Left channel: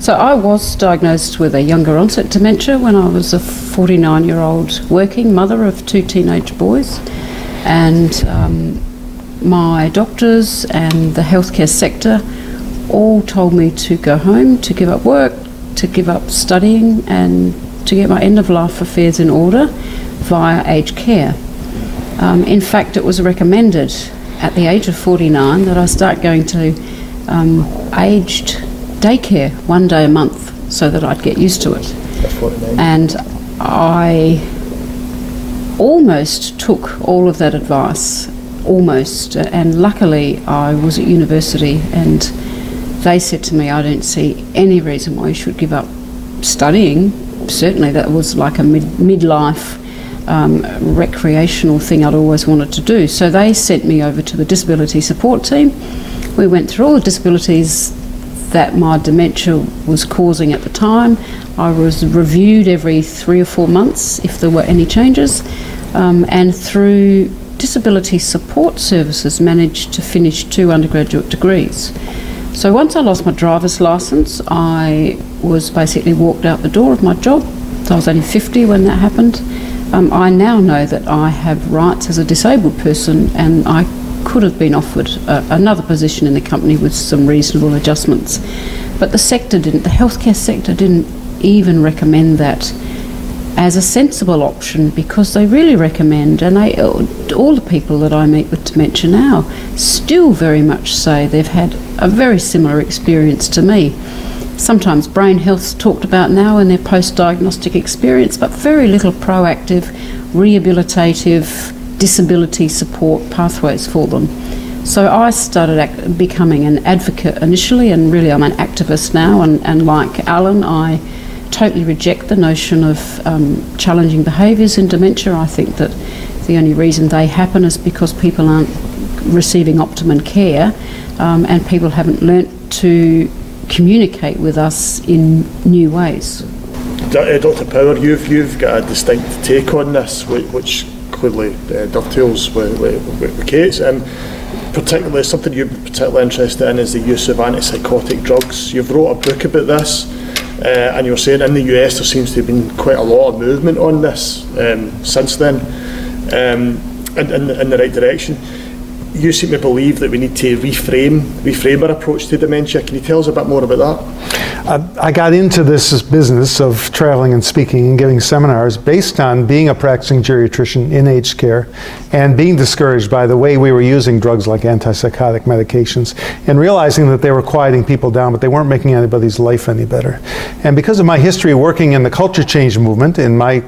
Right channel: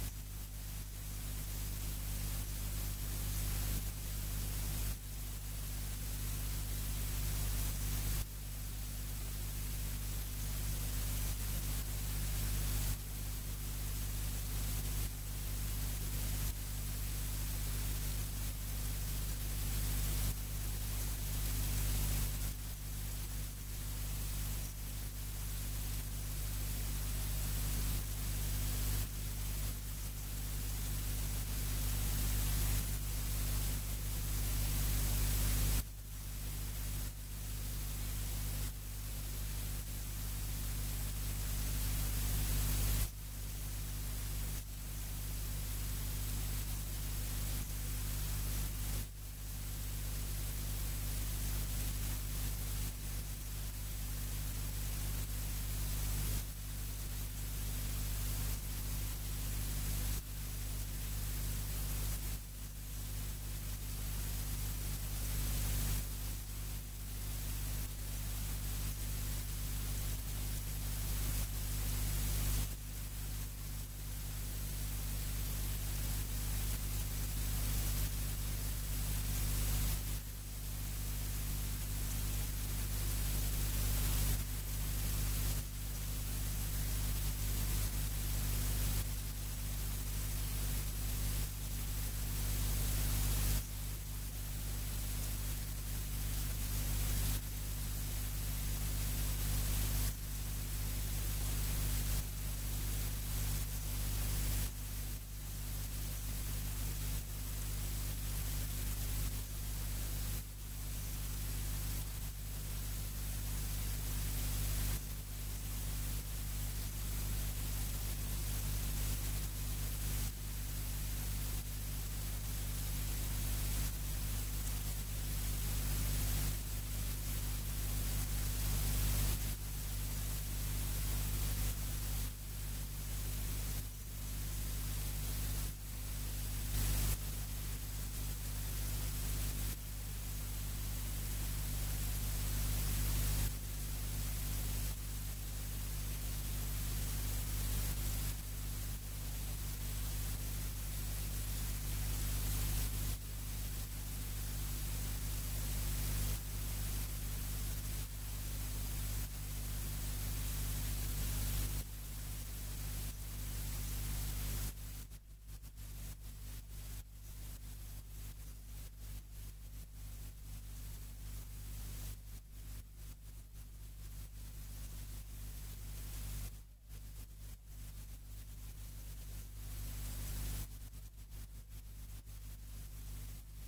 So I was diagnosed with a younger onset dementia when I was a 49-year-old working mother of 2 teenage boys, and my doctors and the healthcare sector all told me to go home, to give up work, to give up studying, and to get my end-of-life affairs in order via aged care. In fact, it was recommended at the age of 49 that I start going to aged daycare 1 day a month so that I'd get used to it. And I almost took all of that advice, almost, and luckily I was at university and they said to me, I don't see any reason why you should give up studying. Certainly that was like a midlife recreational thing I'd always wanted to do. So they sent me over to the disability support team. We went through all the disabilities that my dementia was causing at the time. I was reviewed every 3 or 4 months if there were any changes, and through disability support services managed to finish 2 undergraduate degrees. So once I lost my driver's licence, I was basically walked out the door of my job. So I was only 50 when that happened. I now know that I have rights as a disabled person, and I could have been offered another position in the company with some reasonable adjustments. But the sector didn't, the healthcare sector didn't even recommend that as a sensible option, because they really recommend, and all the people that I meet with dementia now still very much say they've had a very similar experience to me. Sometimes brain health's talked about now in their post-diagnostic experience, but very little proactive, rehabilitative, disability support pathways for them. So I started becoming an advocate initially, and really I'm an activist now, and like Alan, I totally reject the notion of challenging behaviours in dementia. I think that the only reason they happen is because people aren't receiving optimum care, and people haven't learnt to communicate with us in new ways. Dr. Power, you've got a distinct take on this, which clearly dovetails with Kate's, and particularly something you're particularly interested in is the use of antipsychotic drugs. You've wrote a book about this, and you were saying in the US there seems to have been quite a lot of movement on this since then, in the right direction. You seem to believe that we need to reframe our approach to dementia. Can you tell us a bit more about that? I got into this business of traveling and speaking and giving seminars based on being a practicing geriatrician in aged care and being discouraged by the way we were using drugs like antipsychotic medications and realizing that they were quieting people down, but they weren't making anybody's life any better. And because of my history working in the culture change movement, in my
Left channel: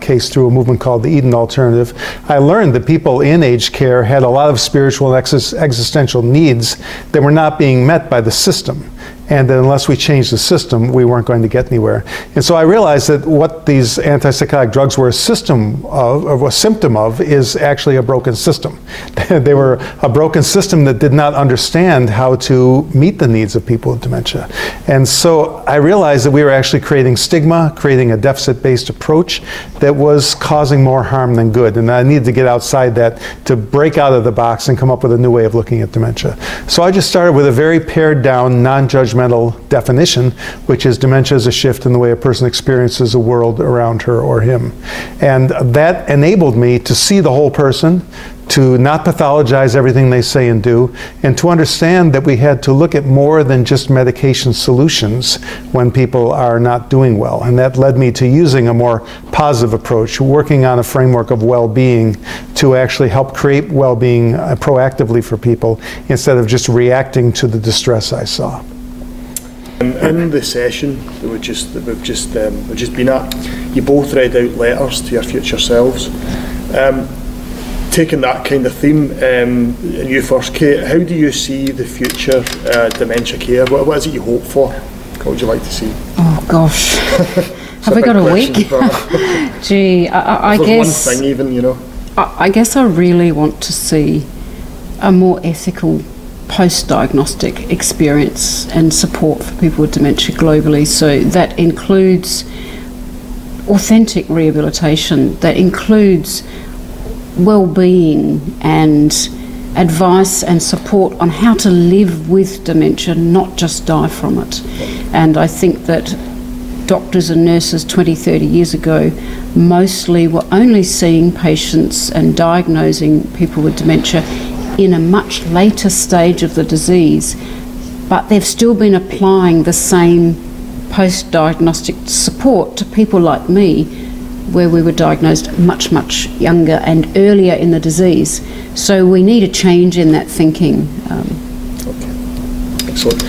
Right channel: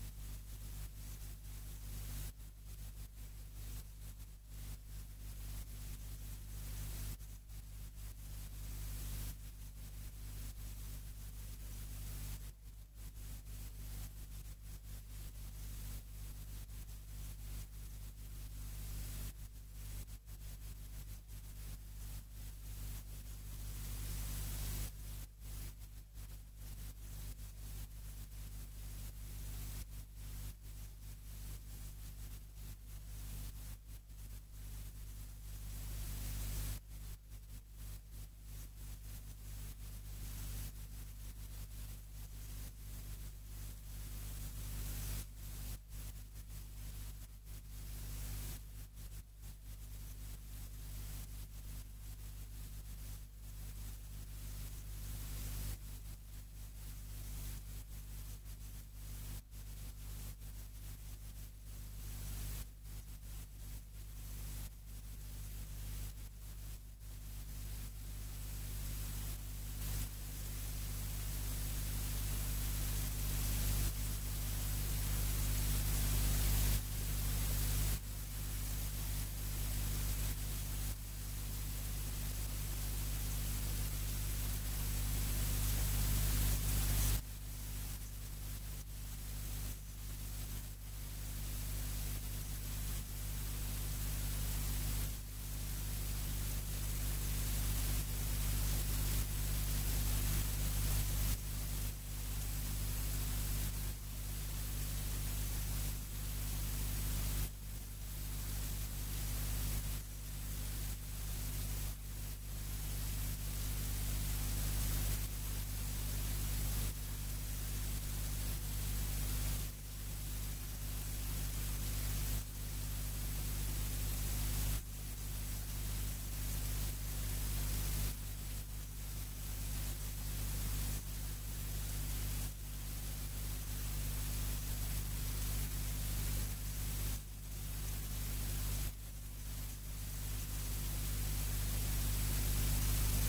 case through a movement called the Eden Alternative, I learned that people in aged care had a lot of spiritual and existential needs that were not being met by the system. And that unless we changed the system, we weren't going to get anywhere. And so I realized that what these antipsychotic drugs were a symptom of is actually a broken system. They were a broken system that did not understand how to meet the needs of people with dementia. And so I realized that we were actually creating stigma, creating a deficit-based approach that was causing more harm than good. And I needed to get outside that to break out of the box and come up with a new way of looking at dementia. So I just started with a very pared down, non-judgmental definition, which is dementia is a shift in the way a person experiences the world around her or him. And that enabled me to see the whole person, to not pathologize everything they say and do, and to understand that we had to look at more than just medication solutions when people are not doing well. And that led me to using a more positive approach, working on a framework of well-being to actually help create well-being proactively for people instead of just reacting to the distress I saw. In the session that we've just been at, you both read out letters to your future selves. Taking that kind of theme, and you first, Kate, how do you see the future dementia care? What is it you hope for? What would you like to see? Oh gosh, have we got a week? Gee, I guess one thing even, you know. I guess I really want to see a more ethical post-diagnostic experience and support for people with dementia globally. So that includes authentic rehabilitation, that includes well-being and advice and support on how to live with dementia, not just die from it. And I think that doctors and nurses 20, 30 years ago mostly were only seeing patients and diagnosing people with dementia in a much later stage of the disease, but they've still been applying the same post-diagnostic support to people like me, where we were diagnosed much, much younger and earlier in the disease. So we need a change in that thinking. Excellent.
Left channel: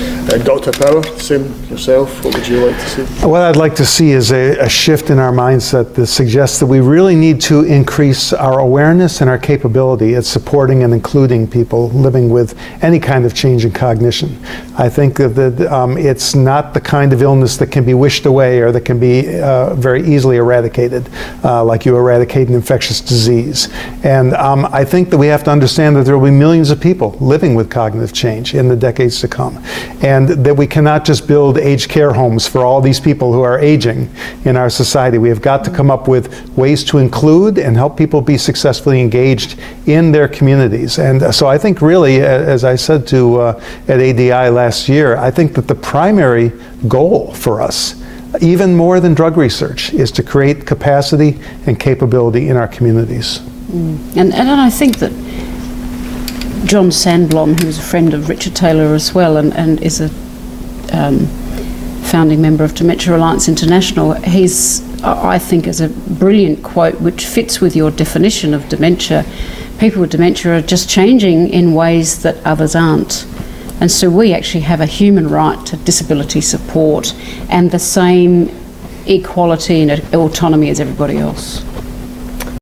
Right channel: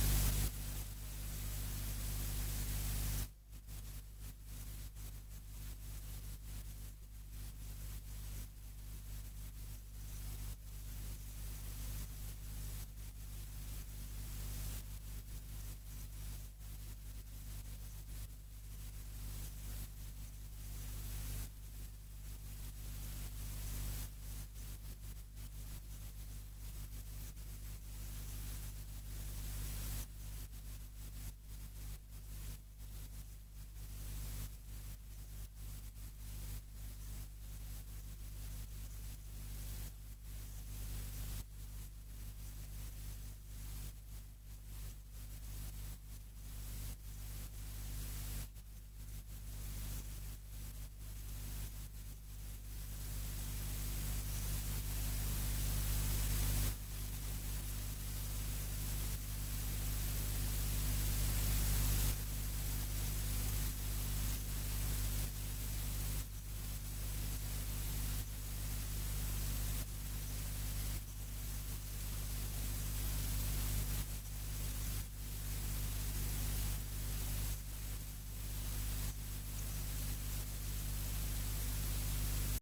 Dr. Power, same yourself, what would you like to see? What I'd like to see is a shift in our mindset that suggests that we really need to increase our awareness and our capability at supporting and including people living with any kind of change in cognition. I think that it's not the kind of illness that can be wished away or that can be very easily eradicated, like you eradicate an infectious disease. And I think that we have to understand that there will be millions of people living with cognitive change in the decades to come. And that we cannot just build aged care homes for all these people who are aging in our society. We have got to come up with ways to include and help people be successfully engaged in their communities. And so I think really, as I said at ADI last year, I think that the primary goal for us, even more than drug research, is to create capacity and capability in our communities. And I think that John Sandblom, who's a friend of Richard Taylor as well, and is a founding member of Dementia Alliance International, I think, is a brilliant quote which fits with your definition of dementia. People with dementia are just changing in ways that others aren't. And so we actually have a human right to disability support and the same equality and autonomy as everybody else.